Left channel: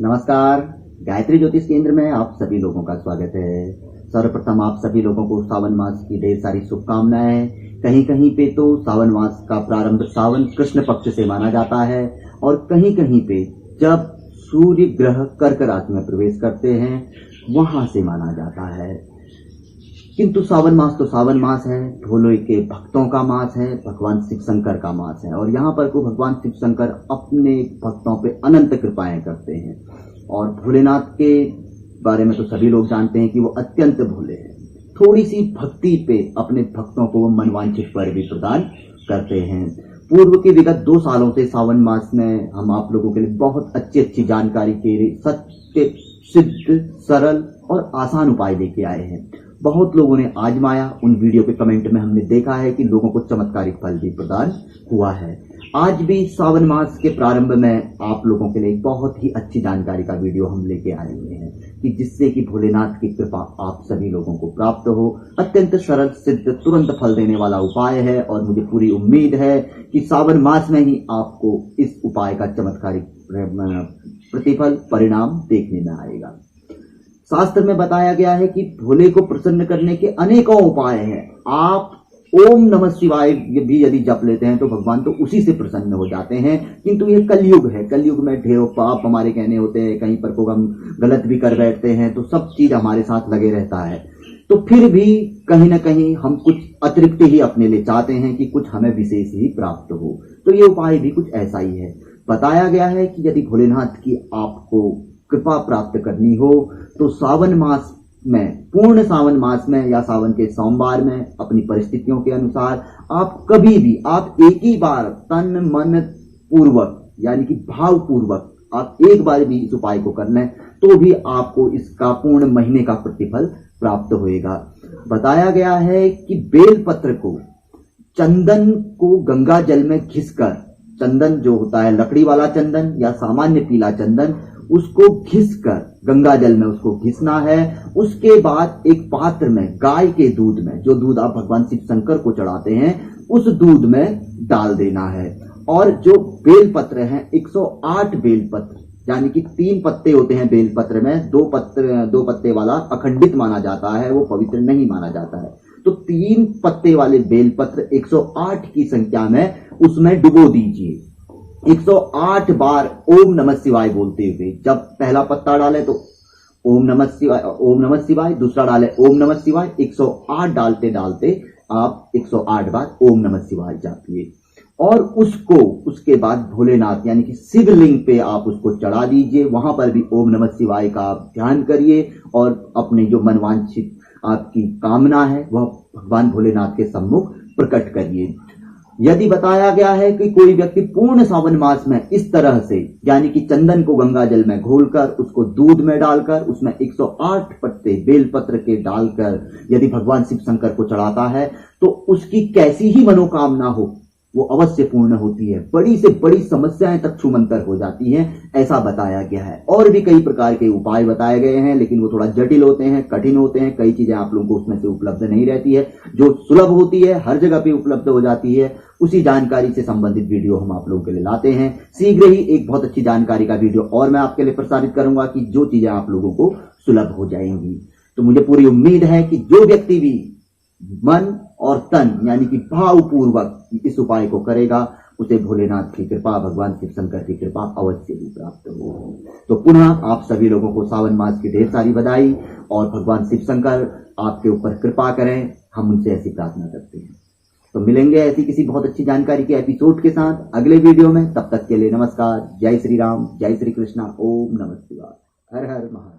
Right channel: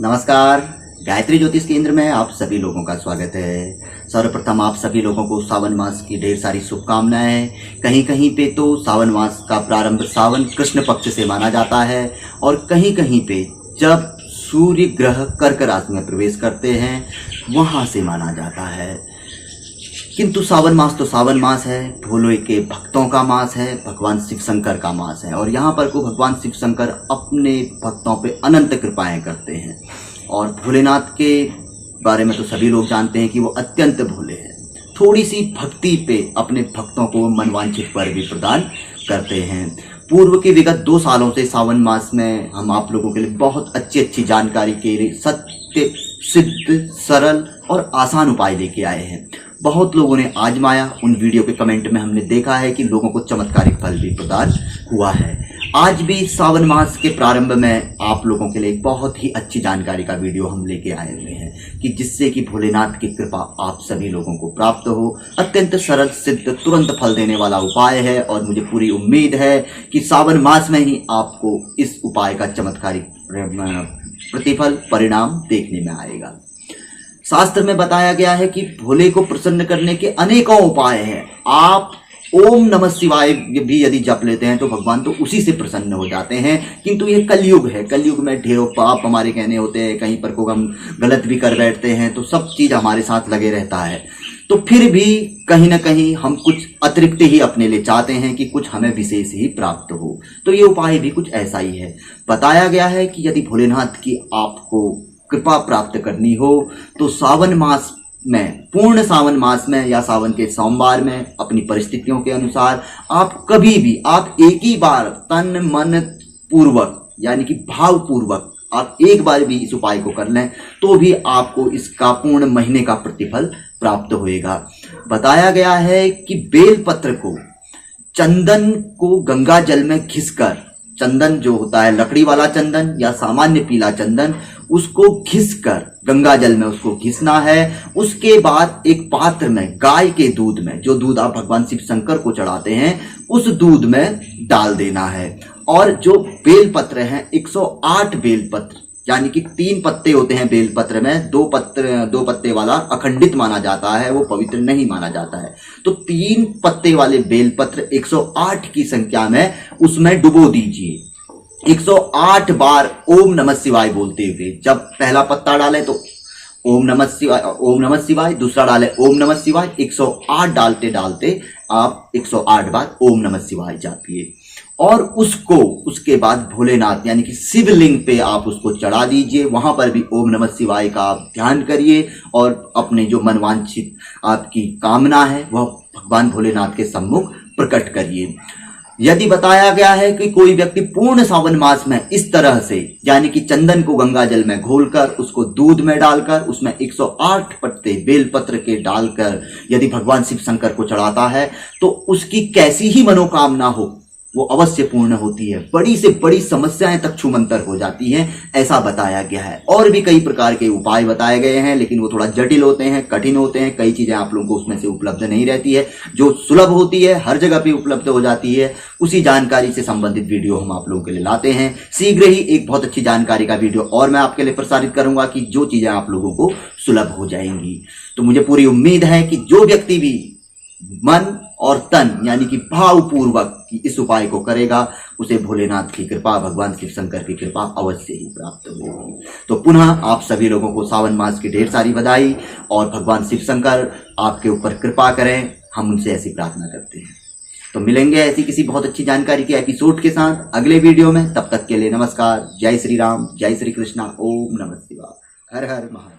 नमस्कार, गायत्री ज्योतिष केंद्र में आप सभी लोगों का स्वागत है। सर्वप्रथम आप सभी लोगों को सावन मास की ढेर सारी शुभकामनाएं। कहीं कहीं पे तो सावन मास का प्रारंभ सावन कृष्ण पक्ष से माना जाता है और कहीं कहीं पे जब सूर्य ग्रह कर्क राशि में प्रवेश करते हैं वहाँ से माना जाता है। किंतु सावन मास तो सावन मास है, भोले के भक्तों का मास है, भगवान शिव शंकर का मास है और यहाँ पर को भगवान शिव शंकर अपने भक्तों पे अनंत कृपाएं करते हैं। और भोलेनाथ के बारे में तो सभी लोग जानते हैं कि वो अत्यंत भोले हैं। थोड़ी सी भक्ति पे अपने भक्तों को मनवांछित वर भी प्रदान करते हैं। पूर्व के विगत 2 सालों से सावन मास में हम आप लोगों के लिए बहुत अच्छी जानकारी के लिए सत्य सिद्ध सरल और आसान उपाय लेके आए हैं। बहुत लोगों ने आजमाया, उन वीडियो के कमेंट में हमने देखा है कि लोगों को चमत्कारिक फल भी प्रदान हुआ है। आज भी सावन मास के प्रारंभ में आप लोगों के लिए बहुत ही अच्छी जानकारी का वीडियो हम लेके आए हुए हैं कि जिससे कि भोलेनाथ की कृपा आप सभी लोगों को प्राप्त हो। अत्यंत सरल सिद्ध तुरंत फल देने वाला उपाय है और मुझे पूरी उम्मीद है कि सावन मास में ही आपको इस उपाय का चमत्कारिक प्रतिफल परिणाम देखने में आएगा। शास्त्र में बताया गया है कि भोले को प्रसन्न करने के अनेकों उपाय हैं। आप ओम नमः शिवाय भी यदि जप लेते हैं तो भगवान तो उसी से प्रसन्न हो जाते हैं। किंतु ये कलयुग है, कलयुग में ढेरों पाप हमारे कहने होते हैं, कहीं पर को हम गलत भी कर बैठते हैं तो सब चीज हमारे साथ लगे रहता है। तो फिर भी कहीं ना कहीं हम कुछ अतिरिक्त ही अपने लिए चाहते हैं कि कुछ हमें विशेष ही प्राप्त हो। तो ये उपाय भी कुछ ऐसा ही है। बताया गया है कि यदि भोलेनाथ की आपको कृपा प्राप्त करनी हो तो सावन मास में, पूर्ण सावन मास में या सावन के सोमवार में अपनी परिस्थितियों के अनुसार आप कभी भी आप एक ही बार तन मन पूर्वक यानी कि भाव पूर्वक आप एक बार भी इस उपाय को कर लें तो भी आपको इसका पूर्ण महीने का प्रतिफल प्राप्त होएगा। बताया गया है कि बेलपत्र को, चंदन को गंगा जल में घिसकर, चंदन जो होता है लकड़ी वाला चंदन या सामान्य पीला चंदन, उसको घिसकर गंगा जल में उसको घिसना है। उसके बाद एक पात्र में गाय के दूध में, जो दूध आप भगवान शिव शंकर को चढ़ाते हैं, उस दूध में डाल देना है। और जो बेलपत्र हैं 108 बेलपत्र, यानी कि 3 पत्ते होते हैं बेलपत्र में, 2 पत्ते वाला अखंडित माना जाता है, वो पवित्र नहीं माना जाता है। तो 3 पत्ते वाले बेलपत्र 108 की संख्या में उसमें डुबो दीजिए। 108 बार ओम नमः शिवाय बोलते हुए, जब पहला पत्ता डालें तो ओम नमः शिवाय, दूसरा डालें ओम नमः शिवाय, 108 डालते डालते आप 108 बार ओम नमः शिवाय जापिए और उसको उसके बाद भोलेनाथ यानी कि शिवलिंग पे आप उसको चढ़ा दीजिए। वहां पर भी ओम नमः शिवाय का आप ध्यान करिए और अपने जो मनवांछित आपकी कामना है वह भगवान भोलेनाथ के सम्मुख प्रकट करिए। यदि बताया गया है कि कोई व्यक्ति पूर्ण सावन मास में इस तरह से, यानी कि चंदन को गंगा जल में घोलकर उसको दूध में डालकर उसमें 108 पत्ते बेलपत्र के डालकर यदि भगवान शिव शंकर को चढ़ाता है तो उसकी कैसी ही मनोकामना हो वो अवश्य पूर्ण होती है। बड़ी से बड़ी समस्याएं तक छूमंतर हो जाती हैं, ऐसा बताया गया है। और भी कई प्रकार के उपाय बताए गए हैं लेकिन वो थोड़ा जटिल होते हैं, कठिन होते हैं। कई चीजें आप लोगों को उसमें से उपलब्ध नहीं रहती है। जो सुलभ होती है हर जगह पे उपलब्ध हो जाती है, उसी जानकारी से संबंधित वीडियो हम आप लोगों के लिए लाते हैं। शीघ्र ही एक बहुत अच्छी जानकारी का वीडियो और मैं आपके लिए प्रसारित करूंगा कि जो चीजें आप लोगों को सुलभ हो जाएंगी। तो मुझे पूरी उम्मीद है कि जो व्यक्ति भी मन और तन यानी कि भावपूर्वक इस उपाय को करेगा उसे भोलेनाथ की कृपा, भगवान शिव शंकर की कृपा अवश्य ही प्राप्त होगी। तो पुनः आप सभी लोगों को सावन मास की ढेर सारी बधाई और भगवान शिव शंकर आपके ऊपर कृपा करें, हम उनसे ऐसी प्रार्थना करते हैं। तो मिलेंगे ऐसी किसी बहुत अच्छी जानकारी के एपिसोड के साथ अगले वीडियो में। तब तक के लिए नमस्कार। जय श्री राम, जय श्री कृष्णा, ओम नमः शिवाय, हर हर महादेव।